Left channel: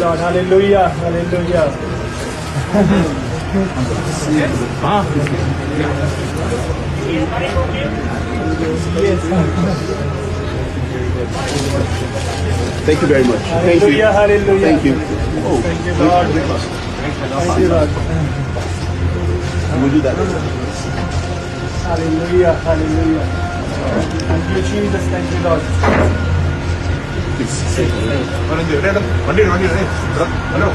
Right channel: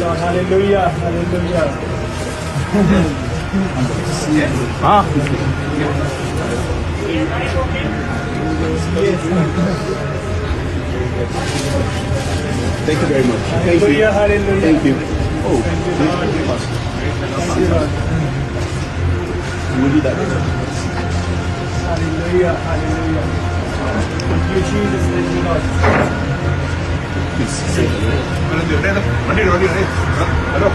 Lord. Hallelujah. Hallelujah. हाँ Thank you very much. Thank you. Hallelujah. Hallelujah. Thank you. Oh, Thank you, Lord. Thank you, Lord. we'll do that later. Hallelujah. Hallelujah. Thank you, Jesus. Thank you, Lord. Please say hello. Hello.